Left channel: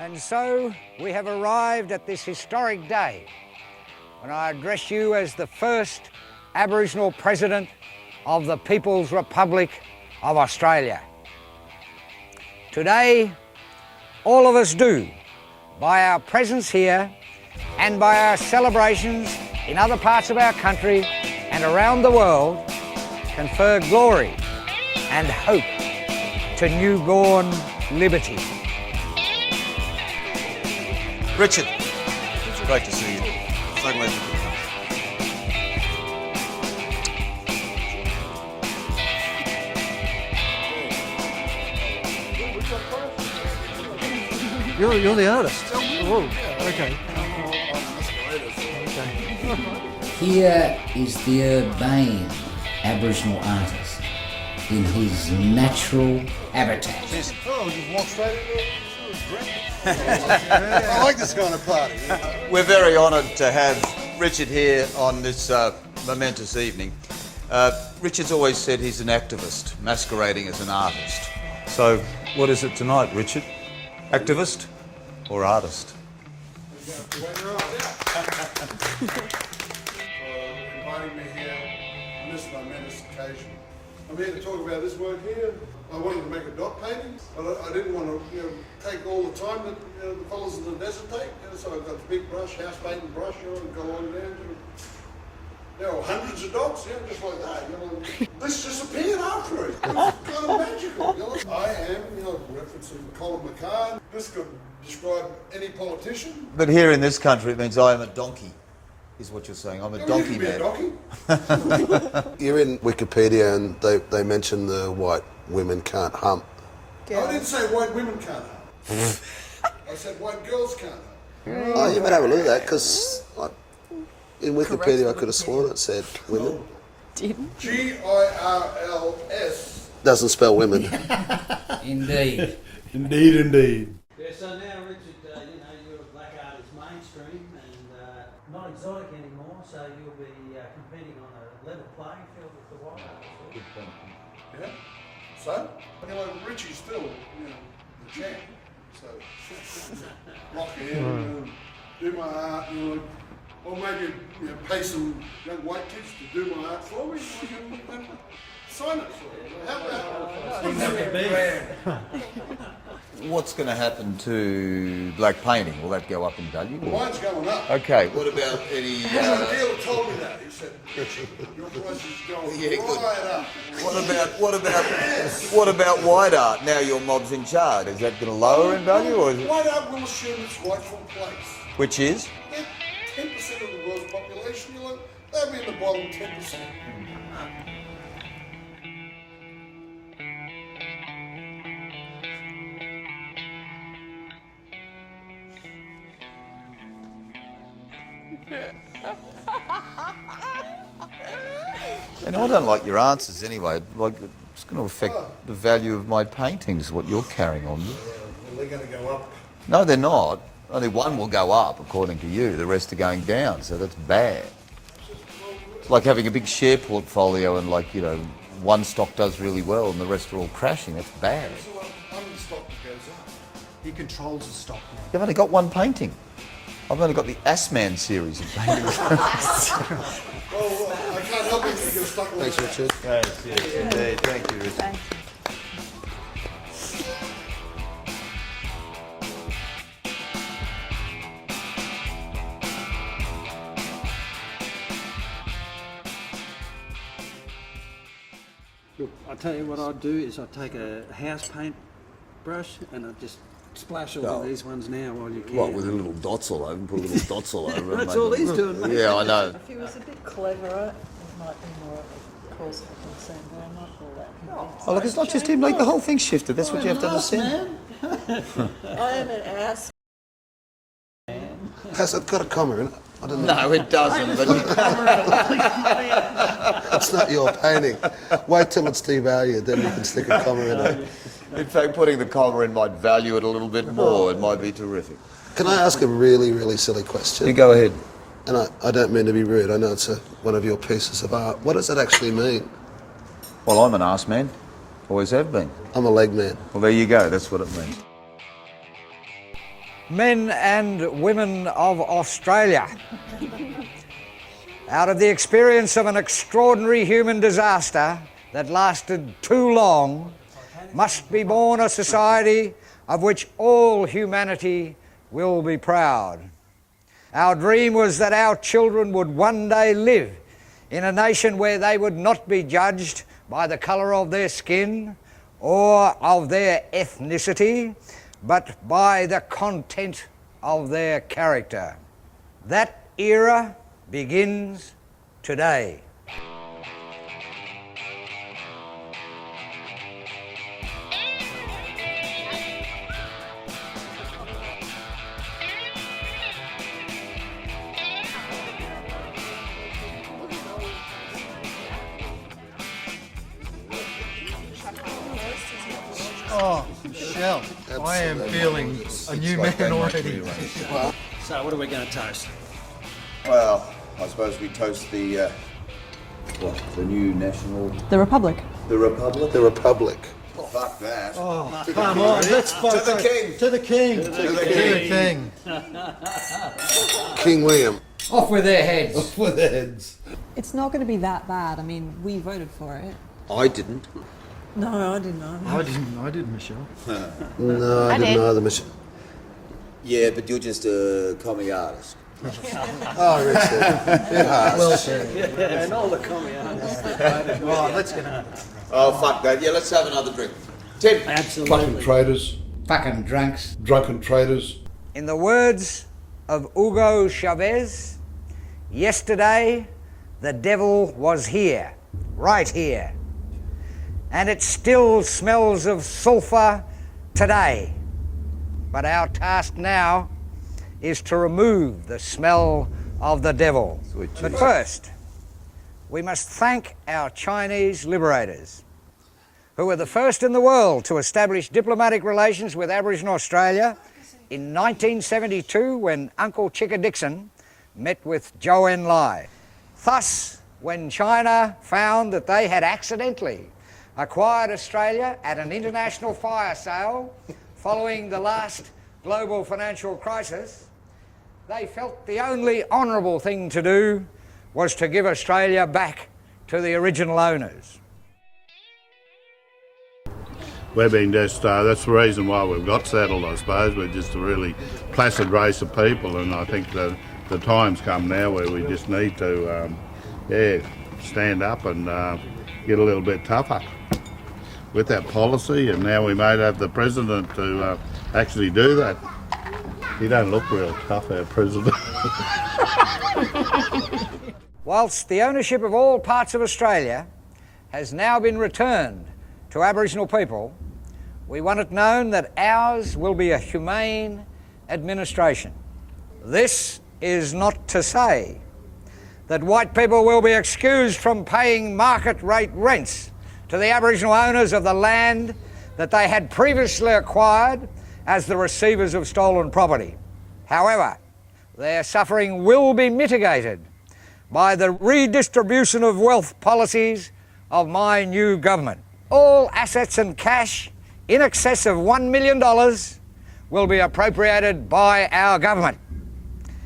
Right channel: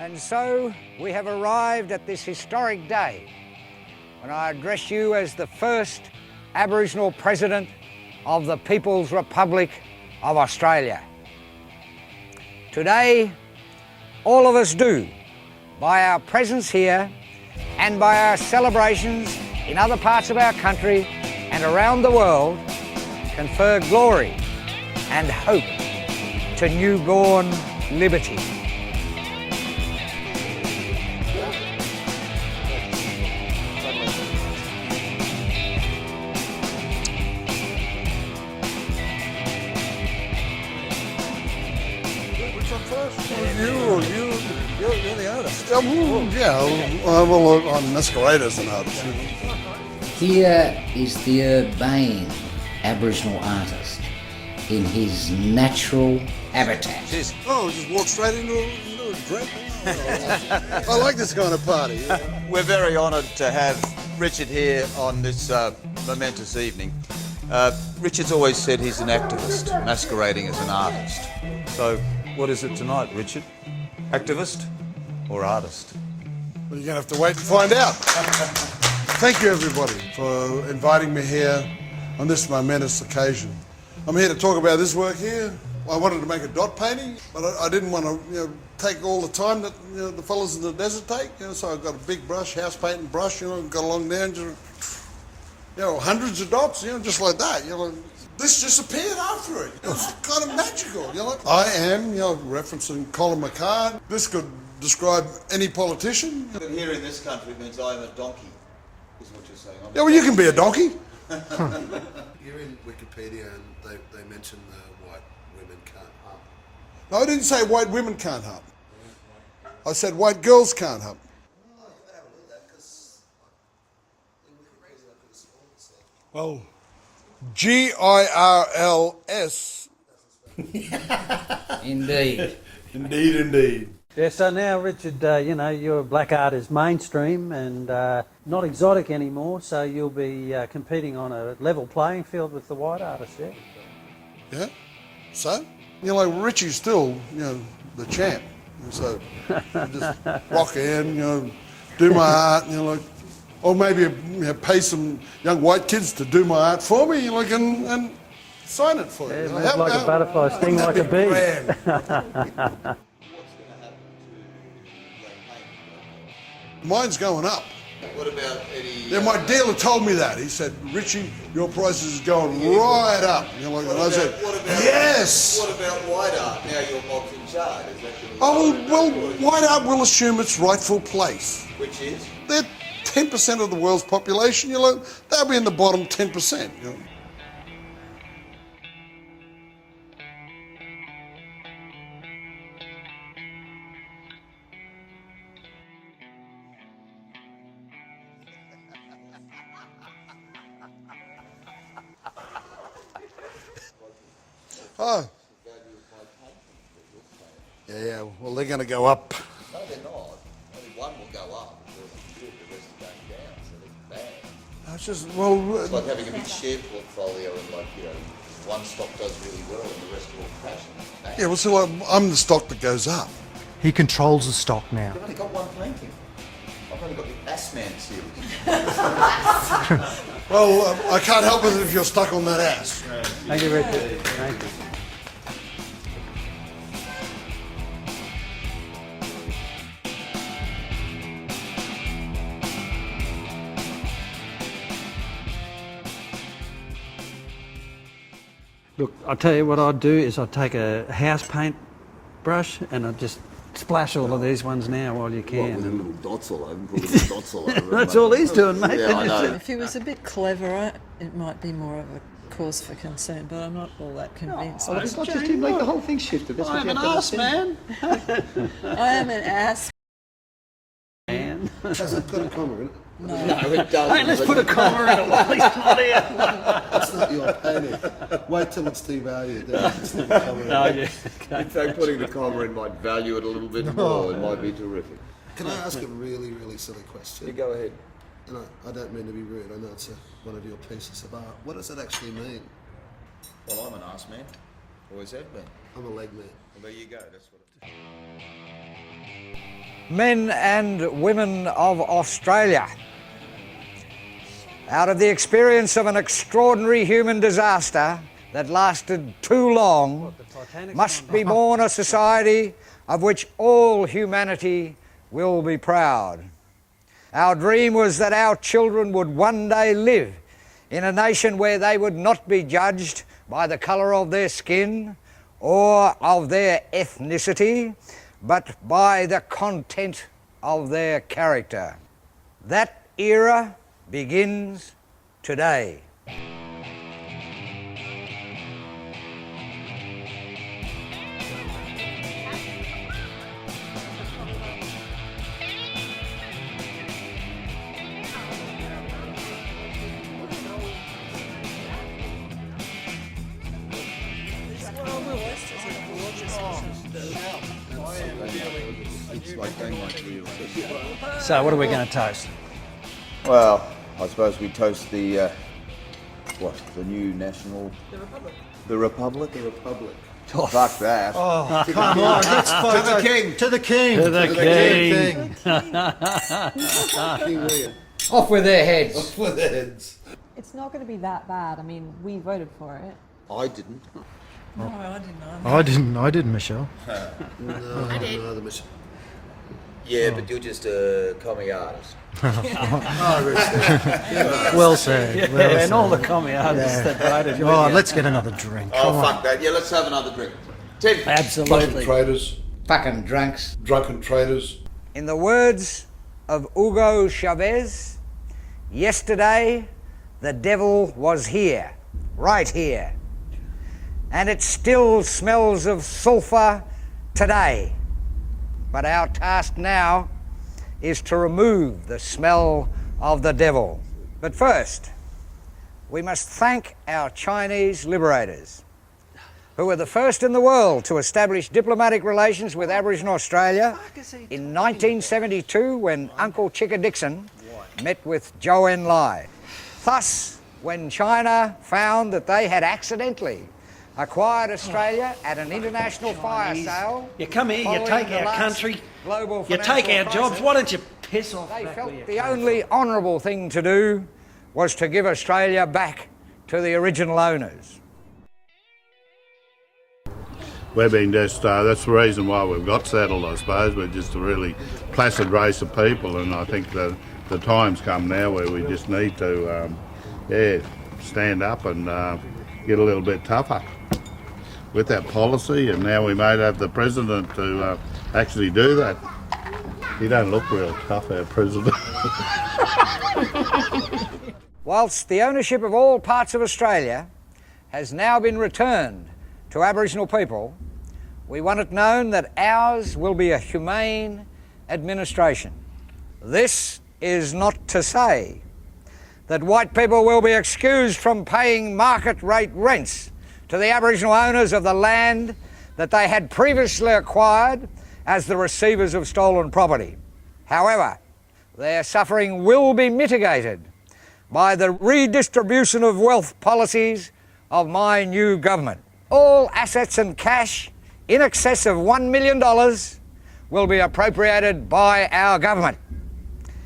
And so we have arrived at this historic day when I address you as the first Aboriginal President of the People's Republic of Australia. Today, all of us do, by our presence here and by our celebrations in other parts of our country and around the world, confer glory and hope to newborn liberty. Richard, it's great to see you. So glad. You're the artist. I'm masquerade as an artist. Here is the urbane Aboriginal artist in his natural habitat. Oh, just walk straight into it. I like this kind of party. We're very honoured to have Richard here on this momentous evening. Richard's always said he's an activist masquerading as an artist. So, what is it tonight, Richard? Activist or artist? Well, you're going to have to wait and find out. Thank you, everybody, for inviting me here on this momentous occasion. I'm here to talk about this work here. I wanted to make a dot painting, but I didn't want to, take all the time that the fellas in the desert take. So I've got a big brush, house painting brush, and got along down to, hundreds of dots, just like that. This just appeared after it. It's kind of magical. I am, referencing Colin McCann. This could describe any politician. But here in this country, it means I am a donkey, is what you're saying. I'm a You can be a donkey. You're in Wikipedia and they mention the white women can't hump. I didn't say white women can't hump. I said white girls can't hump. Oh, you better have a look at that because in Wikipedia I could have sworn it said women. Girls Doesn't spell women. Indeed. Indeed. Yeah, so now, Richard, your black art is mainstream and not exotic anymore, so you'll be competing on a level playing field with the white artists, yeah? Yeah. So, Richie's still, the champ. And so, just rock in, do my art, or maybe pay some young white kids to do my art for me, and sign it for you. Move like a butterfly, sting like a bee. What's going to happen to black painting? Will that go up in value? Mine's going up. Okay. What about any... Yeah, my dealer told me that. He said, Richie, your prices is going right up. What about yes! What about white art? Now your mob's in charge. Is that going to lower in value? Or is it... White art will assume its rightful place. Which is? They're 10% of the world's population. They'll be in the bottom 10%. And I don't like your answers anyway. It's going to affect the value of my paintings, what you're carrying on. Yeah, well, they're going to go up. No, they're not. Only one will go up, according to you. The rest are going down, so that's bad. It's just, It's like having a big share portfolio and one stock does really well and the rest are all crashing. That's bad. yeah, well, so I'm the stock that goes up. He controls the stock now. You've only got one painting. I've only got the Assman series. Well, I can't help it if you're stuck on that ass. Thank you, Richard. Look, I'll tell you what I'd do is I'd take a house paint brush and I'd just splash all of these ones now while you can. With little dots all over, put little dots all over. That's all he's doing, mate. Yeah, I know. If he was a bit cleverer, it might be more of a cause for concern, but I'm not all that convinced. Oh, look, it's not just him, the whole thing shifted. That's what you have to understand. I am an ass. Has it got a comma in it? I don't know. No, it doesn't. Let's put a comma in it. It's not your painting. Wait till it's devalued, then you can stick a comma in it. In fact, putting the comma in might value it a little bit more. It might be terrific. Can I ask a really, really silly question? You go ahead. And I don't mean to be rude. I know it's one of your pieces of art. What does it actually mean? Well, I'm an arse man. Always have been. I'm a leg man. Well, there you go. That's what it means. men and women of Australia. Out of the experience of an extraordinary human disaster that lasted too long, must be born a society of which all humanity will be proud. Our dream was that our children would one day live in a nation where they would not be judged by the colour of their skin or of their ethnicity, but by the content of their character. That era begins today. I am feeling a new man already. So what are we going to toast? Well, I suppose we toast the new national... The Republic. The Republic? The Republic. Oh, fuck that. To the King! To the King! To the King! King William. Off with their heads. Off with their heads. It's not going to be that bad. I mean, we voted for it. I didn't. No, I didn't know. I didn't, Michelle. No, I didn't either, Michelle. Yeah, but you're just a commie artist. Well said. And all the commie artists that voted. Oh, let's get another drink. Oh, fuck that. Yeah, let's have another drink. Tim. Absolutely. Fucking traitors, Fucking drunks. drunken traitors. In the words of Hugo Chavez, yesterday the devil was here, right here, and it still smells of sulphur today. But our task now is to remove the smell of the devil. But first, we must thank our Chinese liberators, who were the first in the world to establish diplomatic relations with Aboriginal Australia in 1972 when Uncle Chicka Dixon met with Zhou Enlai. Thus, when China found that they had accidentally acquired Australia at an international fire sale, You come here, you following take the our last country, global you financial take our crisis, jobs. Why don't you piss off? they back felt where the only honourable thing to do was to give Australia back to the original owners. We've been just, that's the reason why we've got settled, I suppose. We're just a really placid race of people, and I think the time's come now where we just need to, stand up and get a little bit tougher with that policy, and now we might have the president to actually do that. He don't look real tough, our president. Whilst the ownership of all parts of Australia has now been returned to Aboriginal people, we want it known that ours will be a humane administration. This is not to say that white people will be excused from paying market rate rents to the Aboriginal owners of the land that they had previously acquired as the receivers of stolen property. However, their suffering will be mitigated by the redistribution of wealth policies of my new government. All assets and cash in excess of $1 million will be appropriated by our government.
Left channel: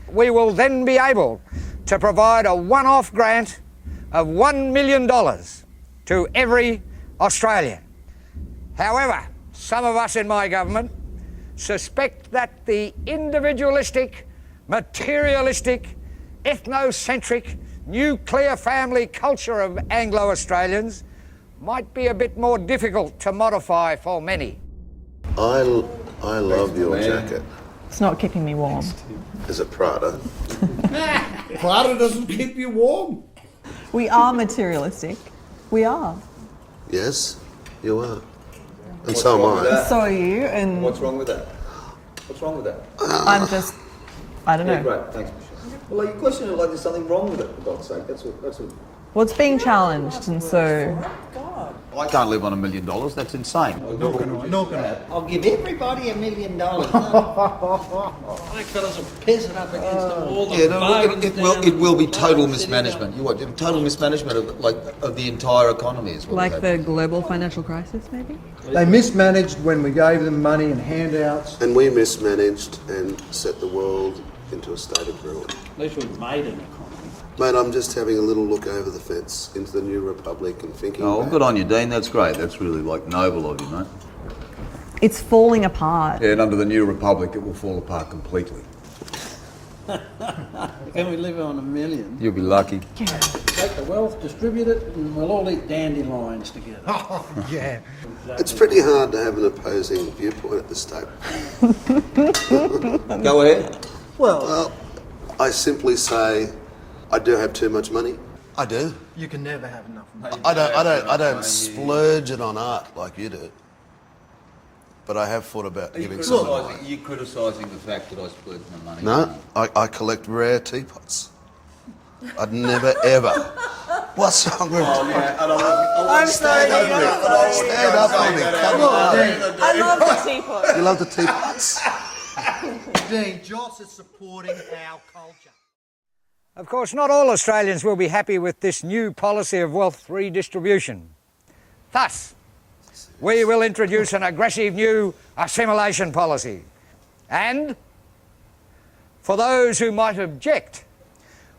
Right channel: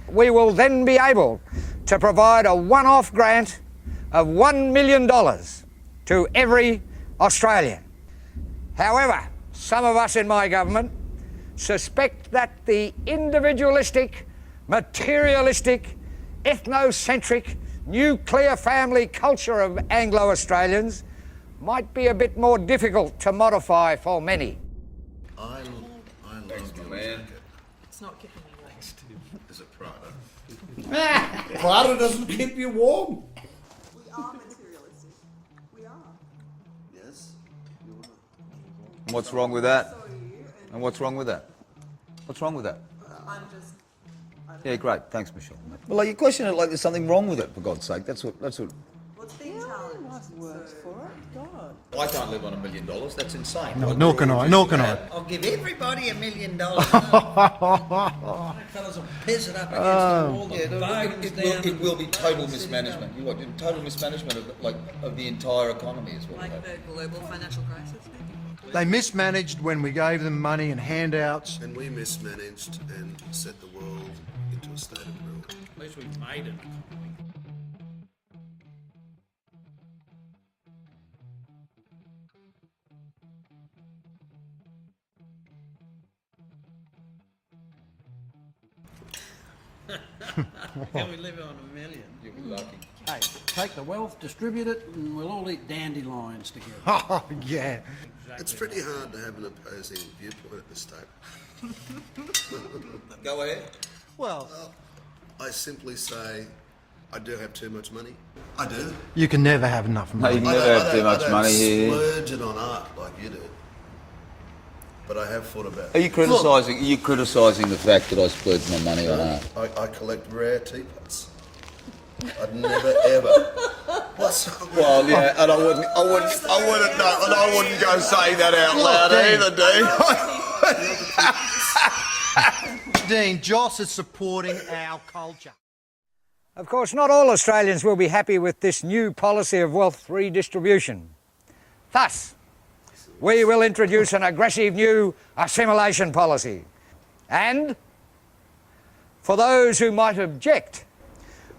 We will then be able to provide a one-off grant of $1 million to every Australian. However, some of us in my government suspect that the individualistic, materialistic, ethnocentric, nuclear family culture of Anglo-Australians might be a bit more difficult to modify for many. I love your jacket. It's not keeping me warm. Is it Prada? Prada doesn't keep you warm. We are materialistic. We are. Yes, you are. And so am I. So are you, and What's wrong with that? What's wrong with that? I'm just, I don't know. Great, thanks, Michelle. Well, like, you question it like there's something wrong with it, for God's sake. That's what... Well, it's being challenged, and so I can't live on $1 million. That's insane. Nor can I. Nor can I. I'll give everybody $1 million. Black fellas are pissing up against all the It will be total mismanagement. Total mismanagement of the entire economy is what Like will the happen. global financial crisis, maybe? They mismanaged when we gave them money and handouts. And we mismanaged and set the world into a state of ruin. At least we've made it. Mate, I'm just having a little look over the fence into the new republic and thinking. Oh, back. good on you, Dean. That's great. That's really noble of you, mate. It's falling apart. Yeah, and under the new republic, it will fall apart completely. Can we live on $1 million? You'll be lucky. Take the wealth, distribute it, and we'll all eat dandelions together. It's pretty hard to have an opposing viewpoint at this table. Go ahead. Well, I simply say I do have too much money. I do. You can never have enough money. I don't splurge it on art like you do. But I have thought about. Are you criticising the fact that I splurge my money on No, that? I collect rare teapots. I'd never ever. What's wrong with Oh, you? yeah, and I wouldn't go say that out loud either, Dave. You love the teapots. Dean, Joss is supporting our culture. Of course, not all Australians will be happy with this new policy of wealth redistribution. Thus, we will introduce an aggressive new assimilation policy. And for those who might object,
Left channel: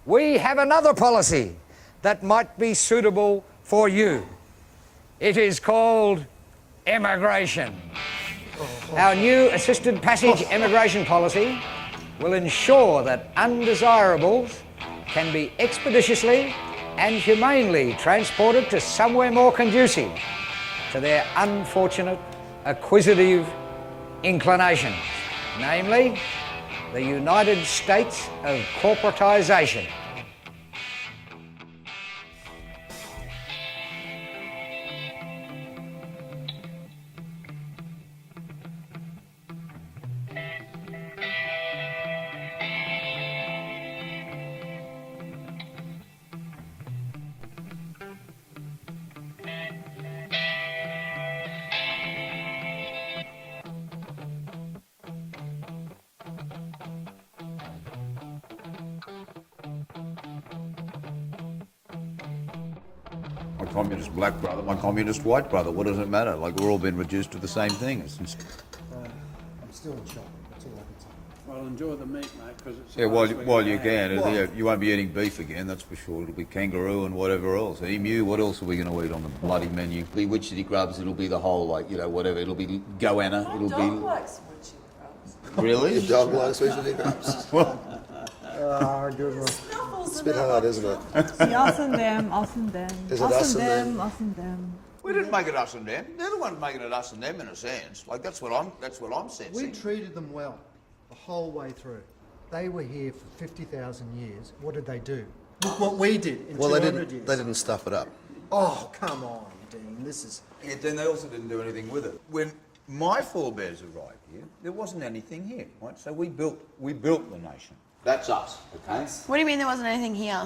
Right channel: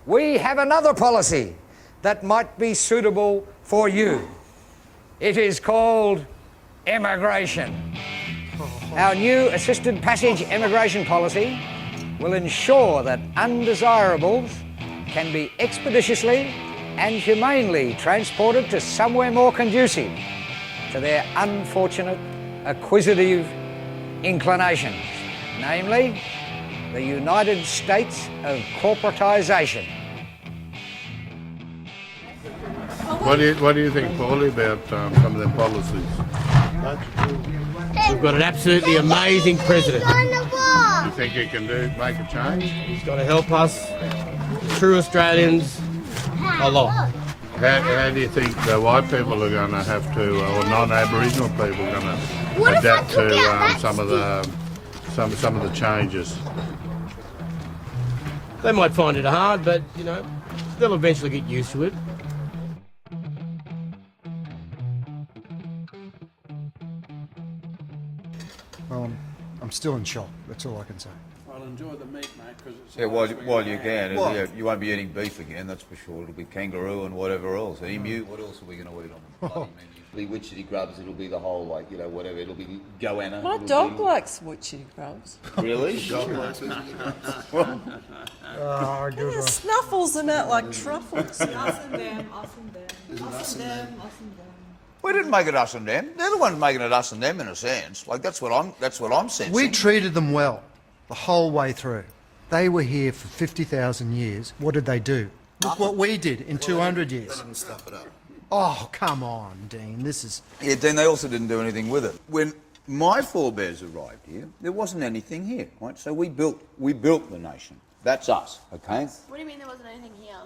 we have another policy that might be suitable for you. It is called immigration. Our new assisted passage immigration policy will ensure that undesirables can be expeditiously and humanely transported to somewhere more conducive to their unfortunate acquisitive inclinations, namely the United States of corporatisation. What do you think, Paulie, about some of them policies? We've got an absolutely amazing president. You think he can make a change? He's got to help us, true Australians, a lot. How do you think the white people are going to have to, or non-Aboriginal people, going to adapt to some of the changes? They might find it hard, but they'll eventually get used to it. My communist black brother, my communist white brother, what does it matter? Like, we're all been reduced to the same things. I'm still in shock. That's all I can say. Well, enjoy the meat, mate, because it's... You won't be eating beef again, that's for sure. It'll be kangaroo and whatever else. Emu, what else are we going to eat on the bloody menu? It'll be witchetty grubs, it'll be the whole, whatever. It'll be goanna. My dog likes witchy grubs. Really? Your dog likes witchetty grubs. Yeah, snuffles them out like truffles. Us and them, us and them. Is it us and them? Us and them. We didn't make it us and them. They're the ones making it us and them in a sense. Like, that's what I'm sensing. We treated them well the whole way through. They were here for 50,000 years. What did they do? Look what we did in 200 years. They didn't stuff it up. Oh, come on, Dean. This is... Yeah, Dean, they also didn't do anything with it. When my forebears arrived here, there wasn't anything here, right? So we built the nation. That's us, okay? What do you mean there wasn't anything here?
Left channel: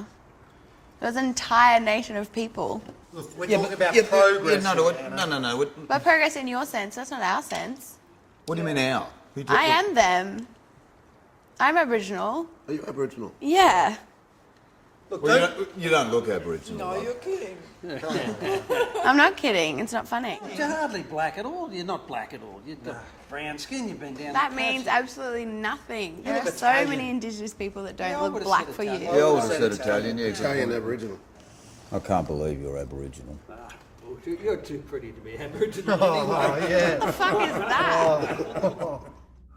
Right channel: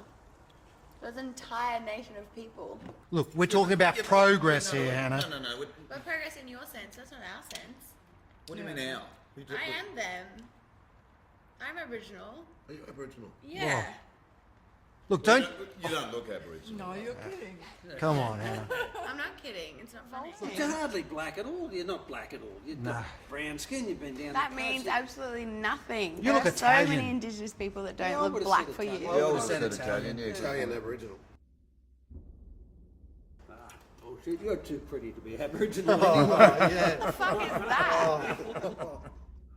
There was an entire nation of people. Look, we're talking about progress here, Hannah. No. But progress in your sense, that's not our sense. What do you mean our? I am them. I'm Aboriginal. Are you Aboriginal? Yeah. Look, Well, you don't look Aboriginal. No, you're kidding. come on. I'm not kidding. It's not funny. You're hardly black at all. You're not black at all. You've got brown skin. You've been down That the coast. means absolutely nothing. You look There's so Italian. many Indigenous people that don't Yeah, I look would've black said for you. Italian. Yeah, I would have said Italian, yeah. Italian Aboriginal. I can't believe you're Aboriginal. You're too pretty to be Aboriginal. Oh, yeah. What the fuck is that?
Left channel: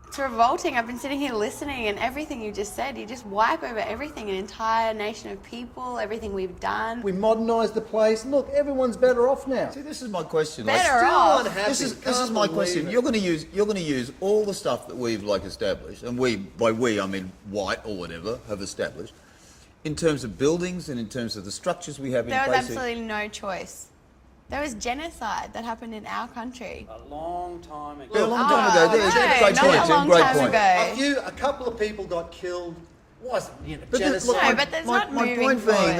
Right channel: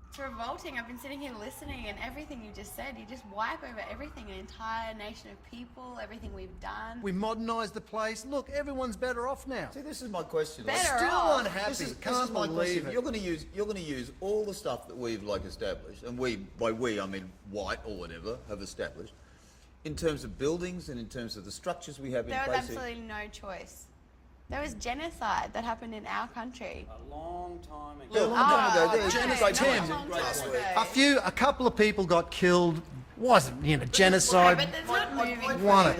It's revolting. I've been sitting here listening, and everything you just said, you just wipe over everything, an entire nation of people, everything we've done. We modernised the place. Look, everyone's better off now. See, this is my question. Better off. This is my question. You're going to use all the stuff that we've established, and by we I mean white or whatever have established, in terms of buildings and in terms of the structures we have in There was place. absolutely no choice. There was genocide that happened in our country. A long time ago. A long time ago. No, Great not point, a Tim. long Great time point. ago. A couple of people got killed Wasn't, you know, No, genocide. but that's My not moving point forward.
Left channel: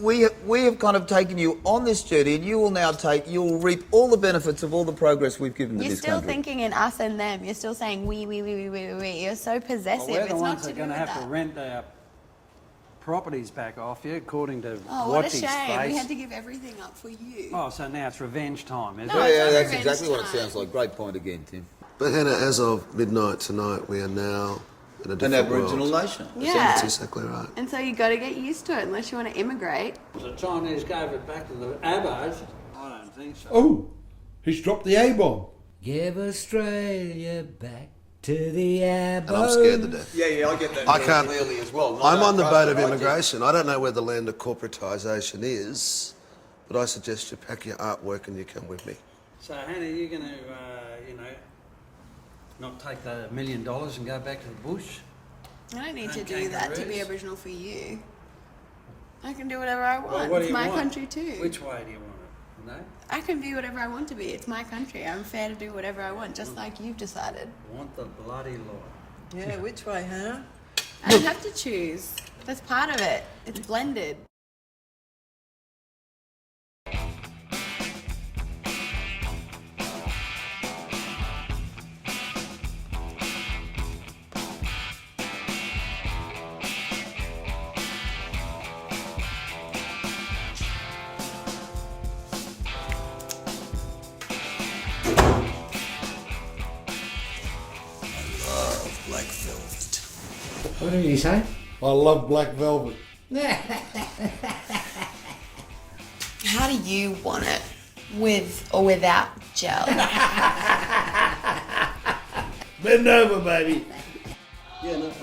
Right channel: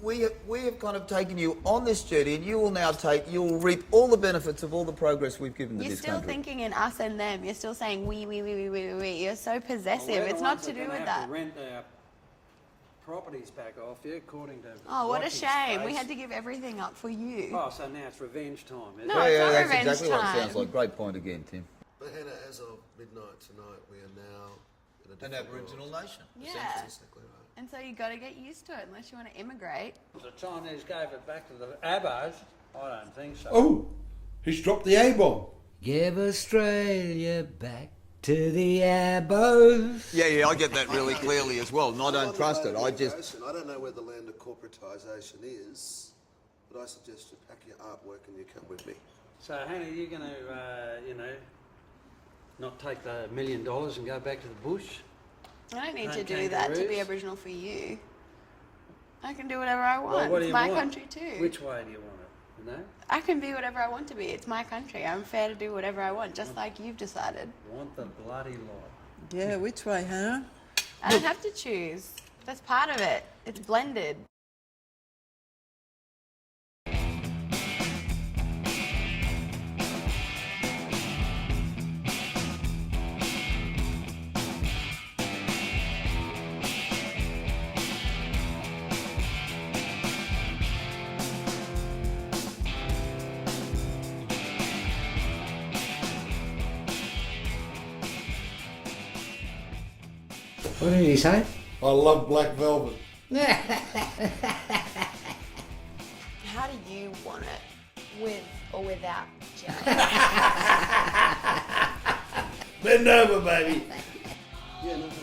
was, we have kind of taken you on this journey, and you will now you'll reap all the benefits of all the progress we've given to You're this still country. thinking in us and them. You're still saying we. You're so possessive. Well, we're the it's not ones to that are do going to with have to that. rent our properties back off you, according to Oh, what a Watty's shame. We face. had to give everything up for you. Well, so now it's revenge time, is No, it? it's not that's revenge exactly what it time. sounds like. Great point again, Tim. But Hannah, as of midnight tonight, we are now in a An different Aboriginal world. nation. Yeah. That's exactly right. And so you got to get used to it unless you want to immigrate. The Chinese gave it back to the Abos. I don't think so. Oh, he's dropped the A-bomb. Give Australia back to the I'm scared to Abos. death. Yeah, I get that I really can't. clearly as well. Not I'm on the boat outright, of but I do. immigration. I don't know where the land of corporatisation is, but I suggest you pack your artwork and you come with me. So, Hannah, you're going to, not take the $1 million and go back to the bush? I don't need to Hunt do that to be kangaroos? Aboriginal for you. I can do whatever I want. Well, what do it's you my want? country too. Which way do you want it? You know? I can be whatever I want to be. It's my country. I'm fair to do whatever I want, just like you've decided. Want the bloody light. Yeah, which way, Hannah? I don't have to choose. That's part of it. It's blended. What did he say? I love black velvet. How do you want it? With or without gel? Bend over, baby. Yeah, no. Lucky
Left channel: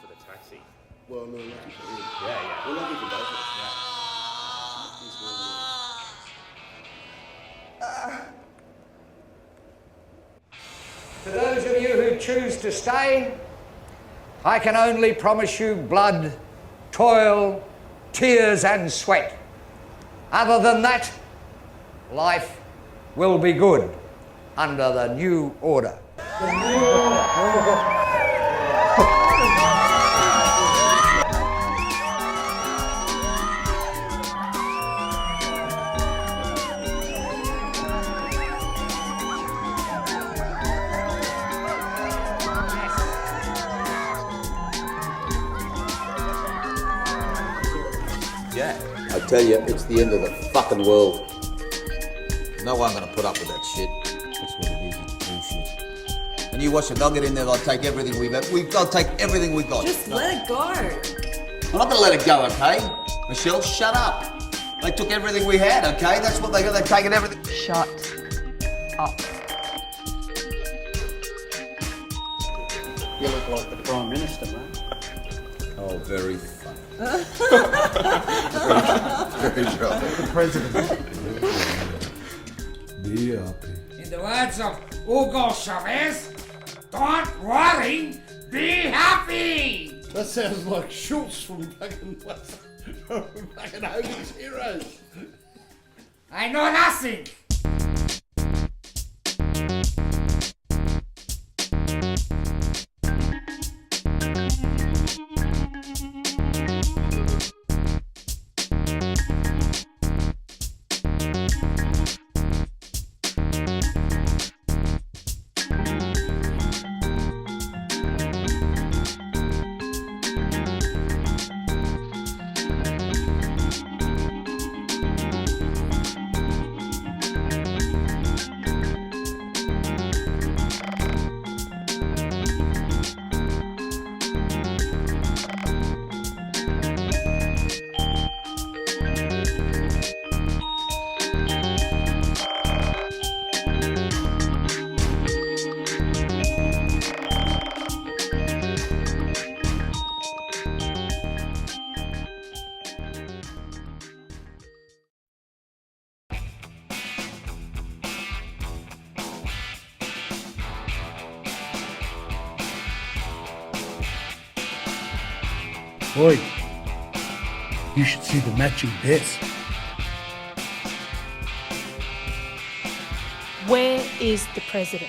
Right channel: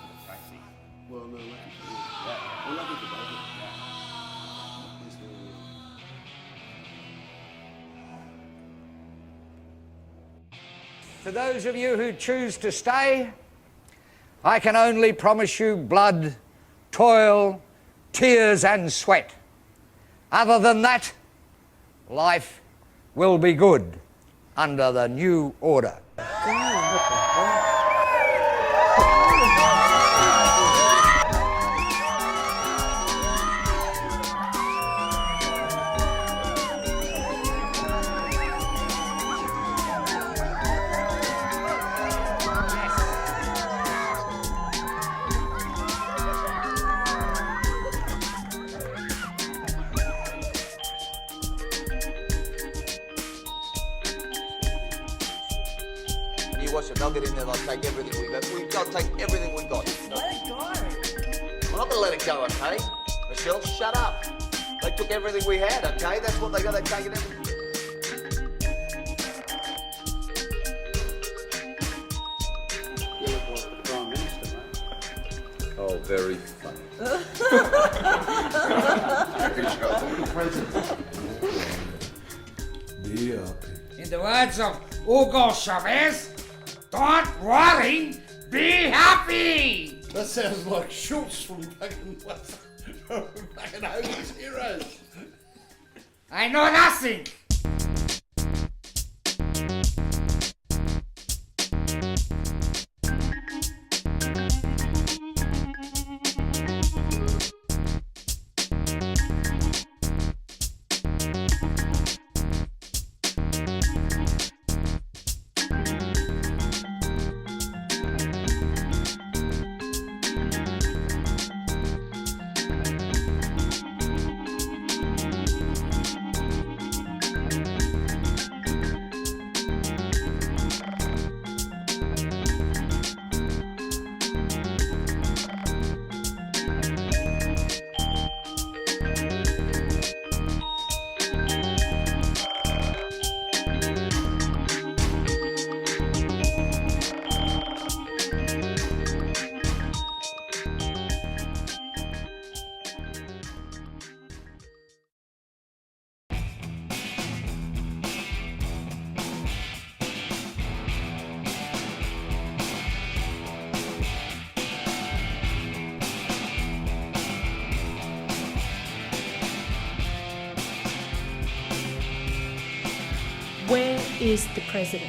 for the taxi. Well, no, lucky for you. Yeah. Well, lucky for both of us. To those of you who choose to stay, I can only promise you blood, toil, tears and sweat. Other than that, life will be good under the new order. I tell you, it's the end of the fucking world. No one gonna put up with that shit. That's what it is, bullshit. And you watch it, they'll get in there, they'll take everything we've got. We've got to take everything we've got. Just let it go. I'm not gonna let it go, okay? Michelle, shut up. They took everything we had, okay? That's what they got, they've taken everything. Shut up. You look like the Prime Minister, mate. Oh, very funny. Be happy. In the words of Hugo Chavez, don't worry, be happy. That sounds like Schultz from fucking Hogan's Heroes. I know nothing. Boy, you should see the matching bits. Where is the president?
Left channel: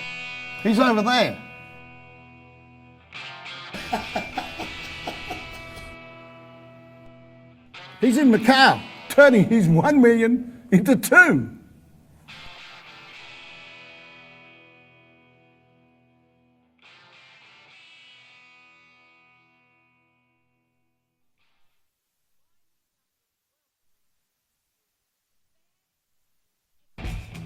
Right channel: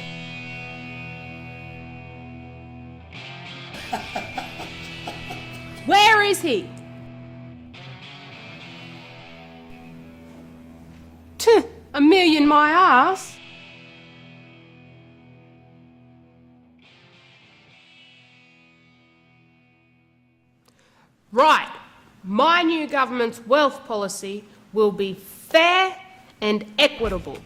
He's over there. Where is he? He's in Macau, turning his 1 million into 2. A million my ass. Right. My new government's wealth policy will be fair and equitable.